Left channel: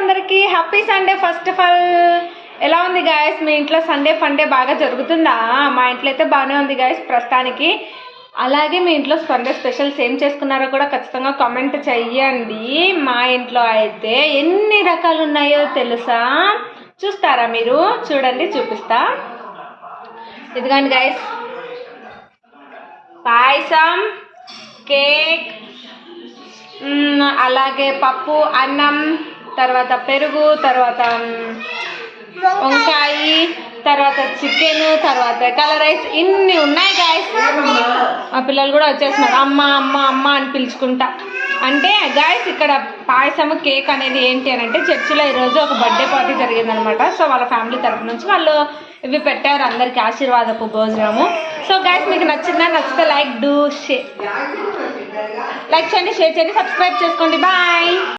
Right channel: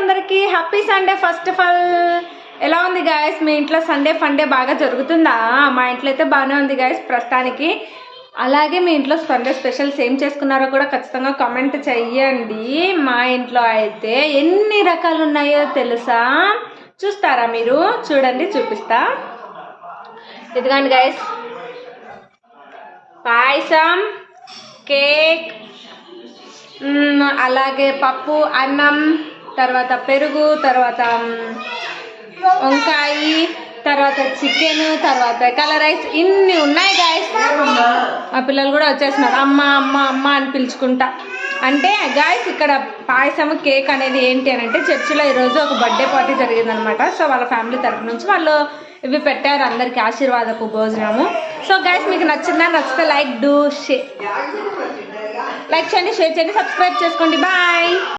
అందరికీ happy Sunday. First of all ఎలా ఉంది గాయస్? మీ ఇంట్లో సండే ఫండే బాగా జరుగుతుందా? మా ఇంట్లో అయితే బాగానే ఉంది గాయస్ ప్రస్తుతానికి. అలాగే మీ ఇంట్లో సండే స్పెషల్స్ ఏం చేసుకున్నారో కూడా ఖచ్చితంగా కామెంట్ చెయ్యండి. మా ఇంట్లో అయితే ఎన్ని రకాలు ఉన్నాయో తెలుసా? చూస్తారా మీరు? చూడండి, చూపిస్తా. ఇదిగోండి గాయస్, పాయసం, కేక్, అలాగే పప్పు, అన్నం, తర్వాత పెరుగు, తర్వాత వంకాయ, తర్వాత చికెన్, తర్వాత కలర్ రైస్, ఇన్ని ఉన్నాయి గాయస్. మా పిల్లలు కూడా వచ్చేస్తున్నారు అమ్మ అమ్మ అమ్మ అని పిలుచుకుంటా. అంటే గాయస్ ఇక్కడ పాయసం, కేక్ అనేది ఏంటి అని అంటే చర్చిలో ఈరోజు ఒక బర్త్డే పార్టీ జరిగిందనమాట. సో వాళ్ళ ఫ్యామిలీ తరఫు నుంచి వాళ్ళు ఇవి పెట్టారు అందరికి ఆశీర్వాదపు భోజనము. సో గాయస్ మీకు నచ్చిందా? నచ్చితే లైక్ చేయండి, షేర్ చేయండి, సబ్స్క్రైబ్ చేసుకోండి. బాయ్.